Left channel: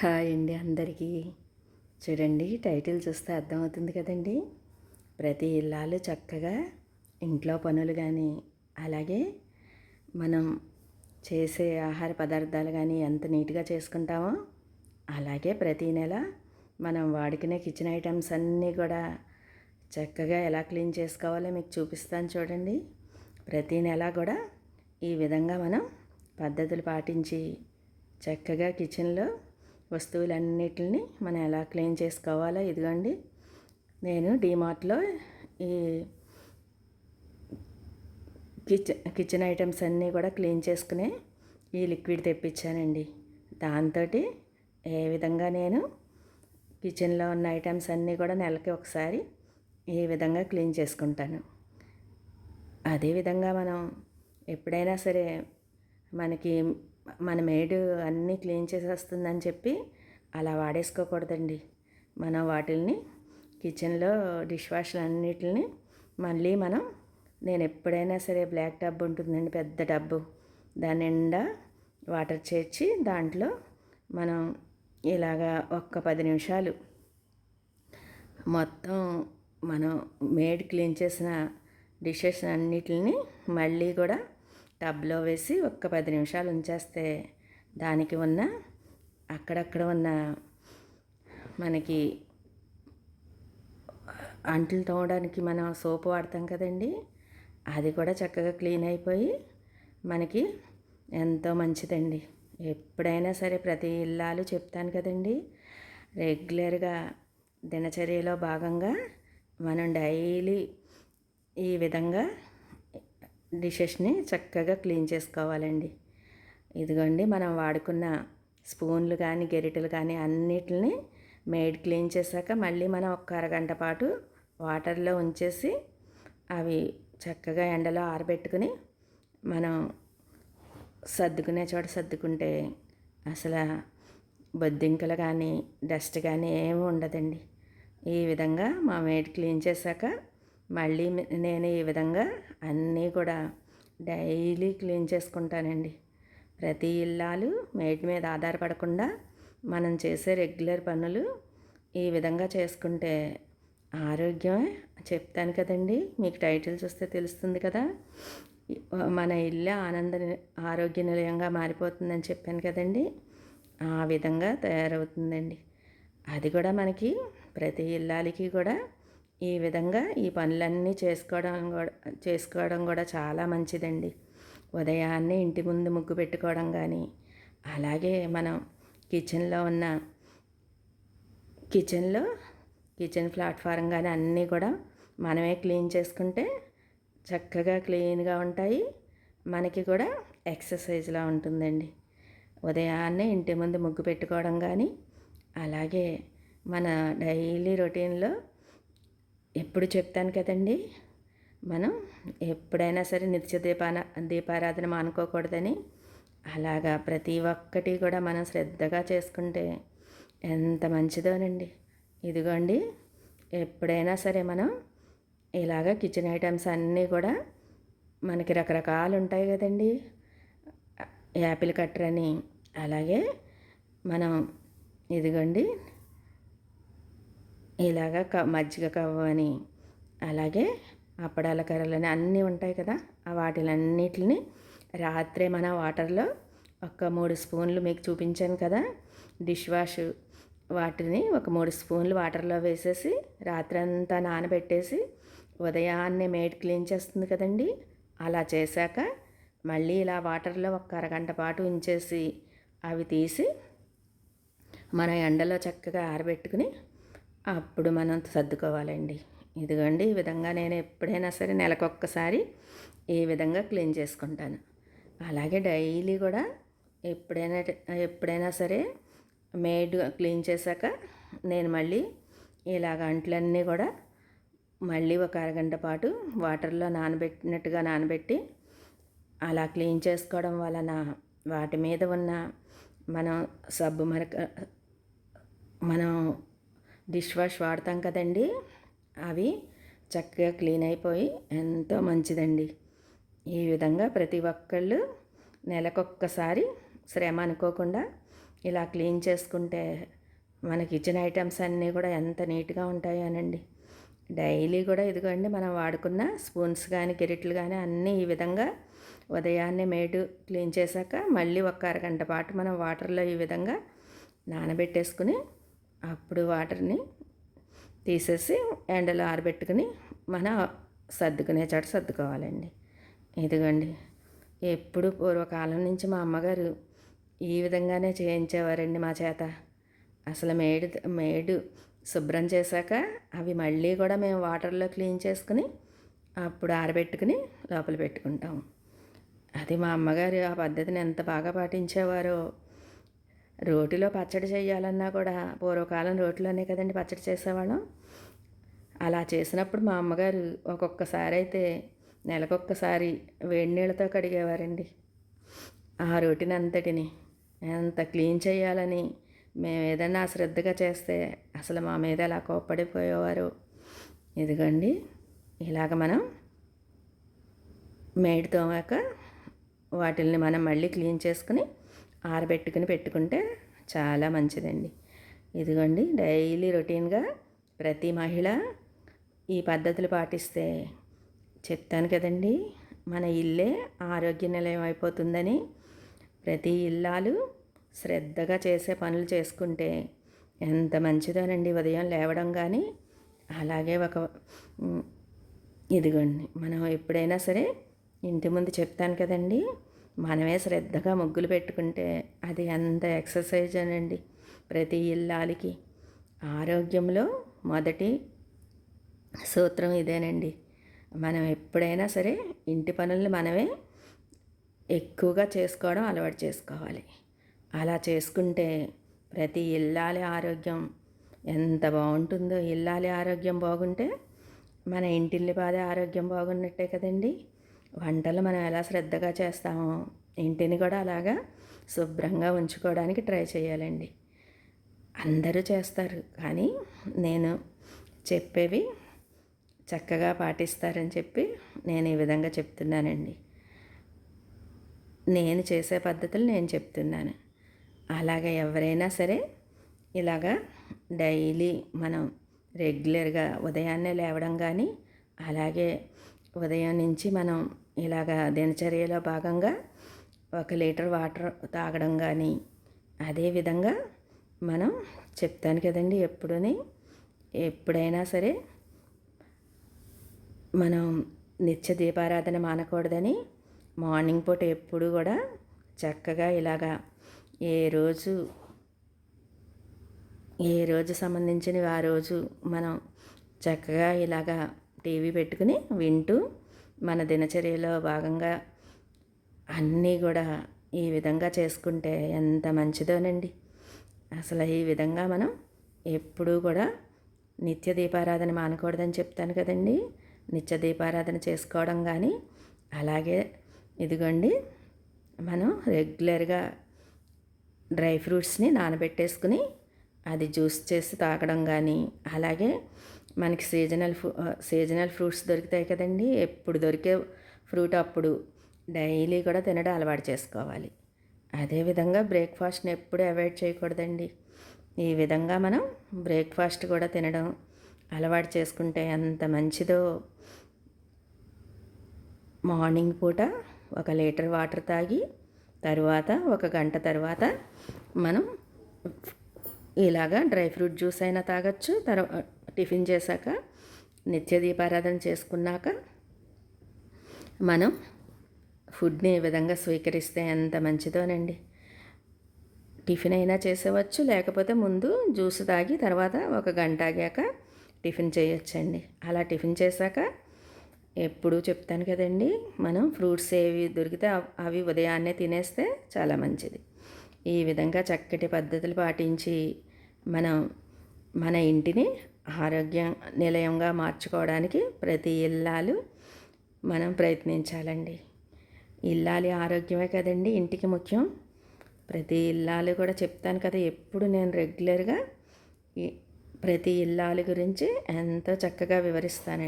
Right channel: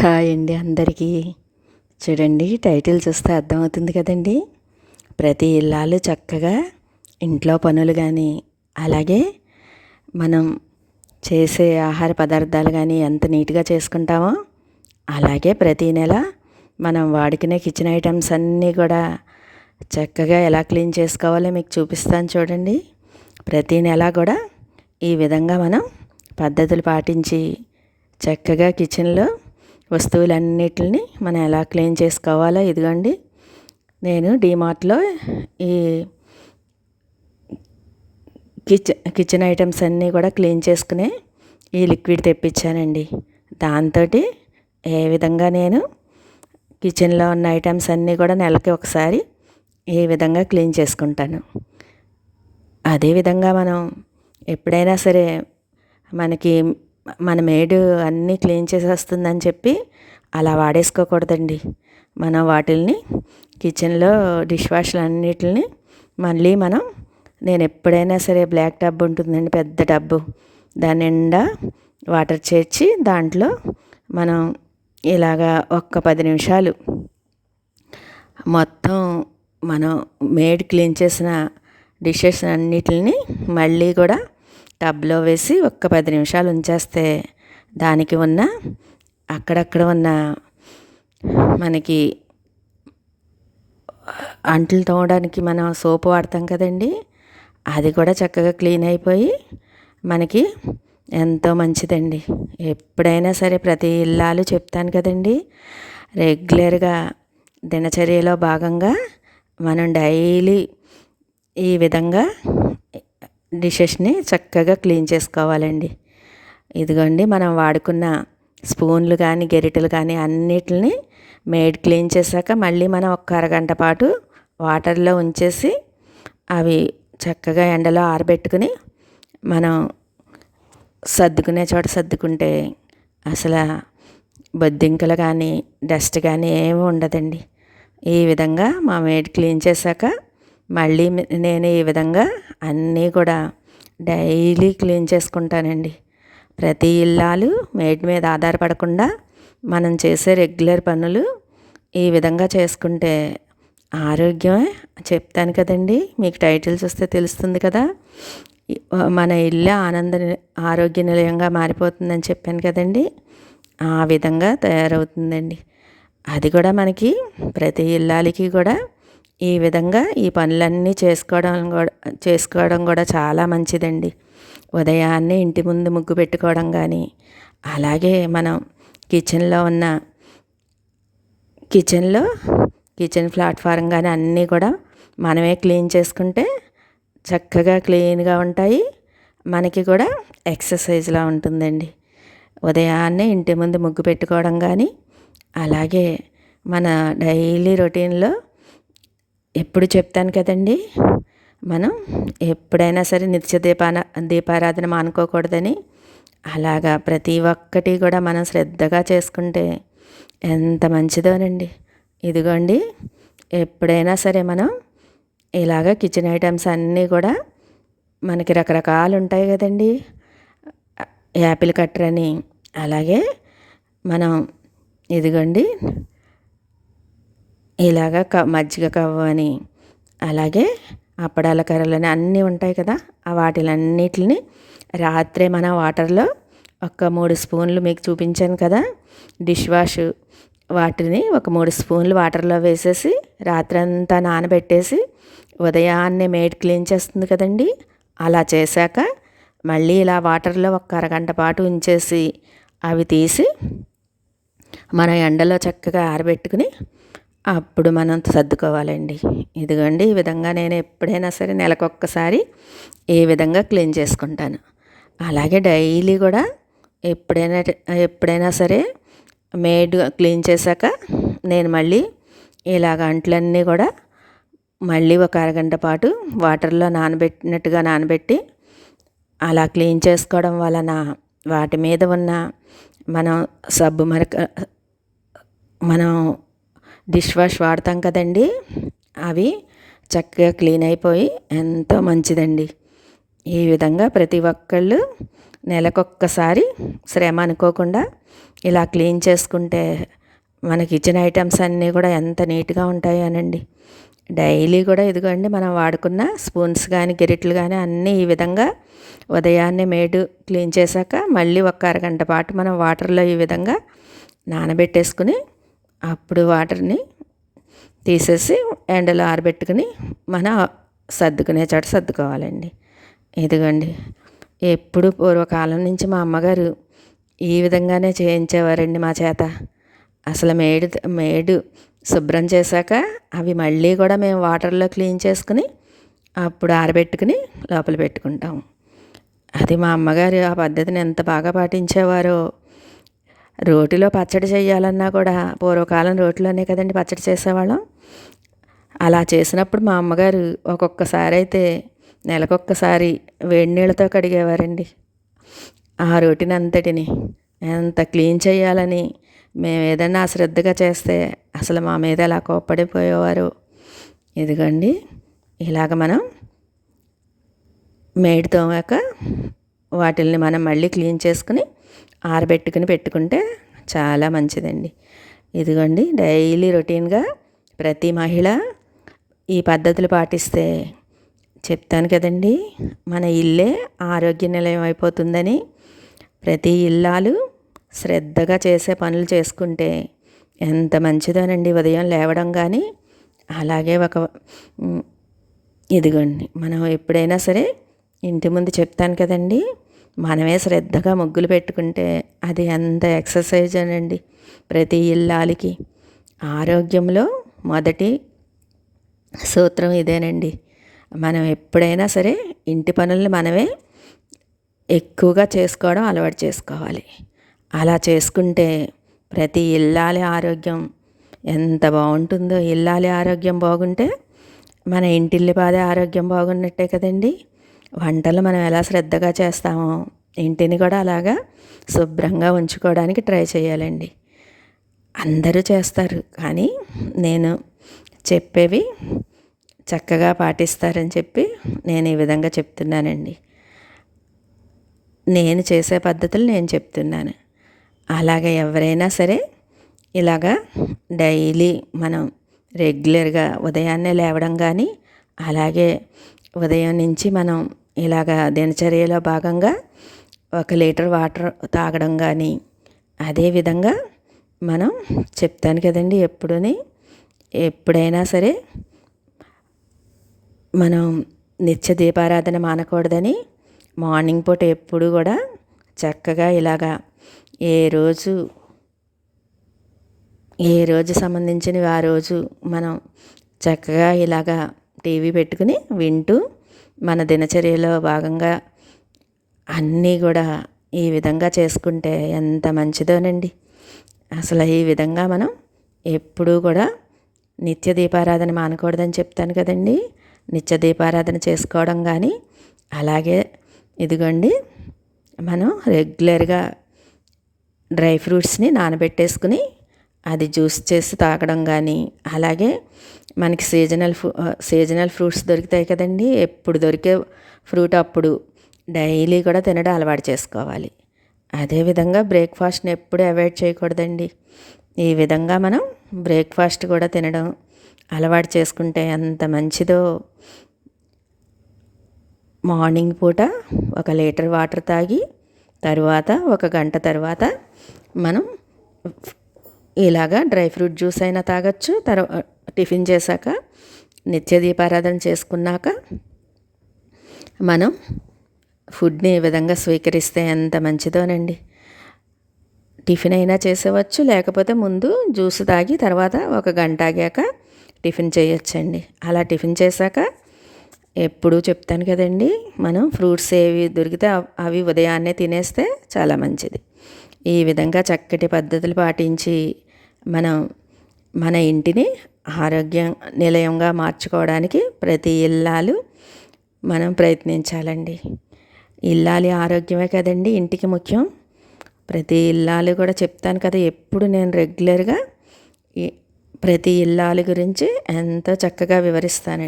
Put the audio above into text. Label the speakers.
Speaker 1: Hi అండి అందరికీ. చూడండి టైటిల్ చూస్తే అర్థమవుతుంది కదండి. ప్రతి ఇల్లాలు చక్కగా ఇంట్లో పనులు కానీ అలాగే మనం చేసే ఆహార పదార్థాలు కానీ ఎంత నీట్గా చేసుకుంటామో అలాగే ప్రతి నెల మనం వాడుకునే కిచెన్ ఐటమ్స్ అన్నీ కూడా చక్కగా ఎలా క్లీన్ చేసుకోవాలో మీకు చూపిస్తాను చూడండి. ప్రతి నెల కూడా ఈ విధంగా మనం పద్ధతులు పాటించి చక్కగా కిచెన్లో వస్తువులన్నిటిని మనం ఎలా క్లీన్ చేసుకోవాలో ఇదిగోండి. నేను డీమార్ట్లో ఈ కిచెన్ కిచెన్ ఐటమ్స్ అన్నీ కూడా క్లీన్ చేసుకునే ఈ లిక్విడ్ తెప్పించానండి. దాంతో ఏ విధంగా నేను కిచెన్లో ఉన్న ఐటమ్స్ అన్నీ కూడా నెలకి ఒకసారి ఏ విధంగా క్లీన్ చేసుకుంటాను. అదేవిధంగా మనం ఎప్పుడైనా సరే మనకి మన మేడు అన్నీ క్లీన్ చేసేస్తుందని చెప్పి అలా వాడేసుకోకూడదండి. మనం వాటిల్ని కిచెన్లో డిష్ వాష్లు అన్నిటిని మళ్ళీ మనం నేను ఎప్పుడైనా సరే బ్లాక్ టబ్ ఉంటుందండి పెద్ద టబ్బు దాని నిండా వాటర్ చేర్చి దాంట్లో మనం ఇలాగా ఒక్క పది నిమిషాలు మొత్తం మనం మేడ్ క్లీన్ చేసిన డిషెస్ అన్నిటిని మళ్ళీ కూడా టబ్లో వేసి ఒక్క పది నిమిషాలు ఉంచేస్తే దానికి ఉన్న అక్కడక్కడ ఉన్న మనకి అంట్లు తోమడానికి మనం సోప్ వాడతాం కదండి అది కూడా చక్కగా క్లీన్ అయిపోయి మనకి ఎంతో మంచిదండి. ఎప్పుడైనా సరే ప్రతి ఇల్లాలు చెప్తాను కదండి రెగ్యులర్గా దినచర్యలో భాగంగా మనం డైలీ ఈ విధంగా డిషెస్ని చక్కగా క్లీన్ చేసుకోవాలండి. ఇదిగోండి మనం వాడుకున్న స్పూన్లు కానీ గెరిటలు కానీ అన్నిటిని మేడ్ క్లీన్ చేశాక మళ్ళీ మనం ఒక అరగంట పాటు వాటర్లో ఉంచేసి అవి చక్కగా ఎండలో ఆరబెట్టుకుని మనం సర్దుకునే చోట సర్దుకుంటే అసలు బొద్దింకలు కానీ డస్ట్ కానీ ఏమి ఉండదండి. ఈ విధంగా మా మేడ్ క్లీన్ చేశాక మళ్ళీ నేను ఈ విధంగా అన్నీ కూడా డైలీ క్లీన్ చేసుకుంటానండి. ప్రతి ఇల్లాలు మేడ్ మీద ఆధారపడకుండా మనం చేసే రెగ్యులర్ పనులు ఈ విధంగా చేసుకుంటే ఆరోగ్యమే చెప్తాను కదండి. మీకు టైటిల్స్ వస్తే తెలుస్తుంది కదా. మన ఇల్లు ఆనంద ఆరోగ్య నిలయంగా మారిపోతుందని చెప్పాను కదండి. ఆ విధంగా తయారవుతుందండి. అది కూడా మనకి ప్రతి ఇల్లాలకి కూడా ఈ విధంగా ఈ పనులన్నీ చేసుకోవడం కూడా చేసుకోవడం కూడా చాలా మంచిదండి. ఉదయాన్నే ఇంటి ముందు ముగ్గు పెట్టుకోవడం కానీ అలాగే మనం కిచెన్లో ఉన్న కిచెన్లో కిచెన్ ప్లాట్ఫారం కానీ అన్నీ కూడా మనమే క్లీన్ చేసుకుంటే చక్కగా క్లీన్గా ఉంటాయి. మనకి కూడా ఎక్సర్సైజ్లా ఉంటుందండి. ఉదయాన్నే ఇంటి ముందు ముగ్గు పెట్టుకోవడం కానీ అలాగే మన డైలీ రొటీన్లో ఎప్పుడు చెప్తాను కదండి? మనం ఎప్పుడైనా సరే నిత్య దీపాన దీపారాధన మానుకోకూడదని అలాగా ప్రతి ఒక్కటి కూడా మనం శ్రద్ధగా చేసుకుంటే ఎంత మంచిదోనండి. ఇదిగోండి ఎప్పుడైనా సరే మనం ఇలాగ కిచెన్ ఐటమ్స్ అన్నీ కూడా మనకి రకరకాలు ఉంటాయి కదండి. యాపిల్ కట్టర్ అని అలాగే మనం ఇదిగోండి ఇలాగ క మజ్జిగ కవ్వ అని అలాగే అప్పడాల కర్రలని అన్నీ ఉంటాయి కదా ఆ వాటిలన్నిటిని రాత్రే మన వాటర్లో ఒక మూడు స్పూన్లు మీకు చూపించాను కదా డిష్ వాష్ వాటిని ఒక మూడు స్పూన్లు వాటర్లో వేసేసి రాత్రంతా నానబెట్టేసి ఉదయాన్నే మేడ్ క్లీన్ చేస్తుంది కదండి అలా చేశాక మళ్ళీ ఇలా వాటర్లో ఒక అరగంట పాటు ఉంచేసి అవి తీసి మన ఎండలో చక్కగా ఆరబెట్టుకుని అప్పుడు మనం సర్దుకోవాలండి. ఇదిగోండి ఈ విధంగా నేను ఎప్పుడైనా సరే నెలకొక్కసారి ఏ విధంగా క్లీన్ చేసుకుంటాను. అలాగే డైలీ కూడా ఎప్పుడైనా ఎప్పుడైనా సరే మేడ్ క్లీన్ చేశాక నేను మళ్ళీ ఇలాగ అంట్లన్నీ కూడా మళ్ళీ ఒక అరగంట పాటు వాటర్లో నానబెట్టినట్టుగా నానబెట్టి అలా క్లీన్ చేసుకోవడం వలన వాటి మీద ఉన్న మనం సబ్బు మరక మనం డిష్ వాష్ వాడతాం కదండి. అవి చక్కగా క్లీన్ అయిపోయి ఎంతో మంచిదండి. ఈ విధంగా ప్రతి ఒక్కళ్ళు నెలకొక్కసారి శ్రమ అనుకోకుండా ఇలా క్లీన్ చేసుకుంటే మన కిచెన్ ఐటమ్స్ అన్నీ కూడా ఎంత నీట్గా ఉంటాయి అనండి డైలీ కూడా ఇదిగోండి మనం వాడుకున్న స్పూన్స్ కానీ గిరిట్లు కానీ అన్నీ ఈ విధంగా ఉదయాన్నే మేడు క్లీన్ చేశాక మళ్ళీ ఒక అరగంట పాటు మనం వాటర్లో ఈ విధంగా నానబెట్టేసుకుని అప్పుడు వాటర్ని తీసేసి ఎండలో ఆరబెట్టుకుని మన సర్దుకునే చోట సర్దుకోవాలండి. ఇదిగోండి ఎప్పుడు పూర్వకాలం నుంచి మా అమ్మగారు ఈ విధంగానే చేయించేవారండి మా చేత. అసలు మేడు మేడు శుభ్రం చేశాక అవి మళ్ళీ కూడా మేము వాటర్లో క్లీన్ చేసుకుని అప్పుడు ఆరబెట్టుకుని లోపల పెట్టుకుంటాం. అది మా అమ్మగారు ఆ పద్ధతిని ఎంత బాగా పాటించేవారో రోటిలో పచ్చడి చేయాలన్నా కూడా పూర్వకాలం రోటిలోనే కదండి పచ్చడి చేసేవాళ్ళం. అలా చేసినప్పుడు మా అమ్మగారు ఒక్కొక్కసారి అయితే నెలకొక్కసారి వేడి నీళ్ళతో కడిగేవారండి. ఆ రోటిని అంతటిని ఎంత క్లీన్ చేయాలని మేము ఏదైనా అశ్రద్ధగా చేస్తే అసలు మా మీద ఎలా కోప్పడిపోయేవారు. ఇదిగోండి ఇలాగ మనం మేడి తోమాక వాటిల్ని మనం మళ్ళీ క్లీన్ చేసుకుని ఆరబెట్టుకుని పెట్టుకుంటే చాలా మంచిదండి. ఇదిగోండి డైలీ రొటీన్గా ప్రతి మహిళ ఈ పద్ధతులు పాటిస్తే చెప్తాను కదండి మన ఇల్లే ఆరోగ్య నిలయం అయిపోతుందని ప్రతి ఇల్లాలు శ్రద్ధగా చేసే పనులు చేసుకుంటే ఎంత మంచిదోనండి ఉదయం లేవడం కానీ అలాగే ఒక ఇదిగోండి మనం ఎప్పుడైనా సరే ఇంటి ముందు చెప్తాను కదండి మనమే శ్రద్ధగా ముగ్గులు పెట్టుకుంటే అది ఎంత ఎక్సర్సైజ్ అనండి. ప్రతి ఇల్లాలకి. ఆరోగ్యంలో మొదటి సూత్రం ఇదేనండి. మనం ఎప్పుడైనా సరే ఇంటి పనుల్ని మనమే ఎక్కువగా చేసుకోవడం అలవాటు చేసుకోవాలి. అలా చేసుకుంటే ప్రతి ఇల్లాలి ఆరోగ్యం ఎంత బాగుంటుందో. ఇల్లాలి ఆరోగ్యం బాగుంటే మన ఇంటిల్లి బాధే ఆరోగ్యం బాగున్నట్టే కదండి. వంటలు మనం ఎలా శ్రద్ధగా చేస్తామో ఇంటిని కూడా అలాగా శుభ్రంగా ఉంచుకోవడానికి ట్రై చేయాలండి. అందరూ చేస్తారు కానీ నేను చెప్పేవి చక్కగా పాటిస్తారని చెప్పి నేను ఈ విధంగా చెప్తున్నానండి. నేను చేసే పద్ధతులు నేను చెప్తున్నాను. అలాగే ఎవరైనా సరే ఇలాగా డైలీ మనం రెగ్యులర్గా ఉదయాన్నే లేవడం కానీ అలాగే ఉదయం నుంచి మనం ఇలాగా దినచర్యలో భాగంగా ఒక లీటర్ వాటర్ తాగడం కానీ అదేవిధంగా మనం చెప్తాను కదండి ఎప్పుడుని ఎప్పుడైనా సరే మనం నిత్య దీపారాధన మానకూడదని మార్నింగ్ పూట ఎప్పుడు కూడా చక్కగా ఇలాగా ఏ రోజు ఏ రోజు సంబంధించినవి ఆ రోజు మనం చక్కగా ఇలాగా టీవీ పెట్టుకుని వింటూ మన దినచర్యలో భాగంగా అన్నీ కూడా ఈ విధంగా చేసుకుంటే ఎంత మంచిదోనండి. అసలు ఈ విధంగా మనం ఎప్పుడూ కూడా నిత్య దీపారాధన మానకూడదని చెప్తాను కదండి. నిత్య దీపారాధన చేసుకోవడం కానీ అలాగే ఇదిగోండి మనం రెగ్యులర్గా డ్రై ఫ్రూట్స్ని నానబెట్టేసుకుని అది జ్యూస్ చేసి తాగడం కానీ అలాగే మనకి సీజనల్ ఫ్రూ సీజనల్ ఫ్రూట్స్ దొరుకుతాయి కదండి. ఎప్పుడు దొరికే ఫ్రూట్ అప్పుడు డైలీ కూడా తినడం అలవాటు చేసుకోవాలి. అదేవిధంగా బ్రేక్ఫాస్ట్ని ఎప్పుడు అవాయిడ్ చేయకూడదండి. ఈ విధంగా మనం బ్రేక్ఫాస్ట్ కూడా తినడం అలవాటు చేసుకుంటే ఎంత మంచిదో. మార్నింగ్ పూట ఒక లీటర్ వాటర్ తాగి తరువాత ఒక గంట తర్వాత మనం ఇలాగా డ్రై ఫ్రూట్ జ్యూస్ అయినా తాగొచ్చు. తర్వాత టిఫిన్ చేశాక నిత్య దీపారాధన చేసుకున్నాక మనం ఫుడ్ని ఈ విధంగా స్వీకరిస్తే ఎంత మంచిదోనండి. టిఫిన్ అయినా చేసేవచ్చు. లేకపోతే ముందు జ్యూస్ తాగి తర్వాత ఒక గంట ఆగాక టిఫిన్ చేయొచ్చండి. అలా టిఫిన్ చేశాక ఎప్పుడూ చెప్తాను కదండి మనం ఫ్రూట్స్ ఏవి దొరికితే అవి ఉదయాన్నే తినేస్తే చాలా మంచిది. ఈ విధంగా చక్కటి పద్ధతులు పాటించి మనం మన ఇంటిని ఆరోగ్య నిలయంగా మార్చుకోవడానికి ప్రతి ఇల్లాలు మనం ప్రయత్నించాలండి. ఇల్లాలి ఆరోగ్యమే కదండి ఇంటికి ముఖ్యం. ప్రతి ఇల్లాలు కూడా చెప్తాను కదా ఎప్పుడు నేను రెగ్యులర్గా ప్రతి ఇల్లాలు గురించి ఎంతో చక్కగా వివరిస్తానండి.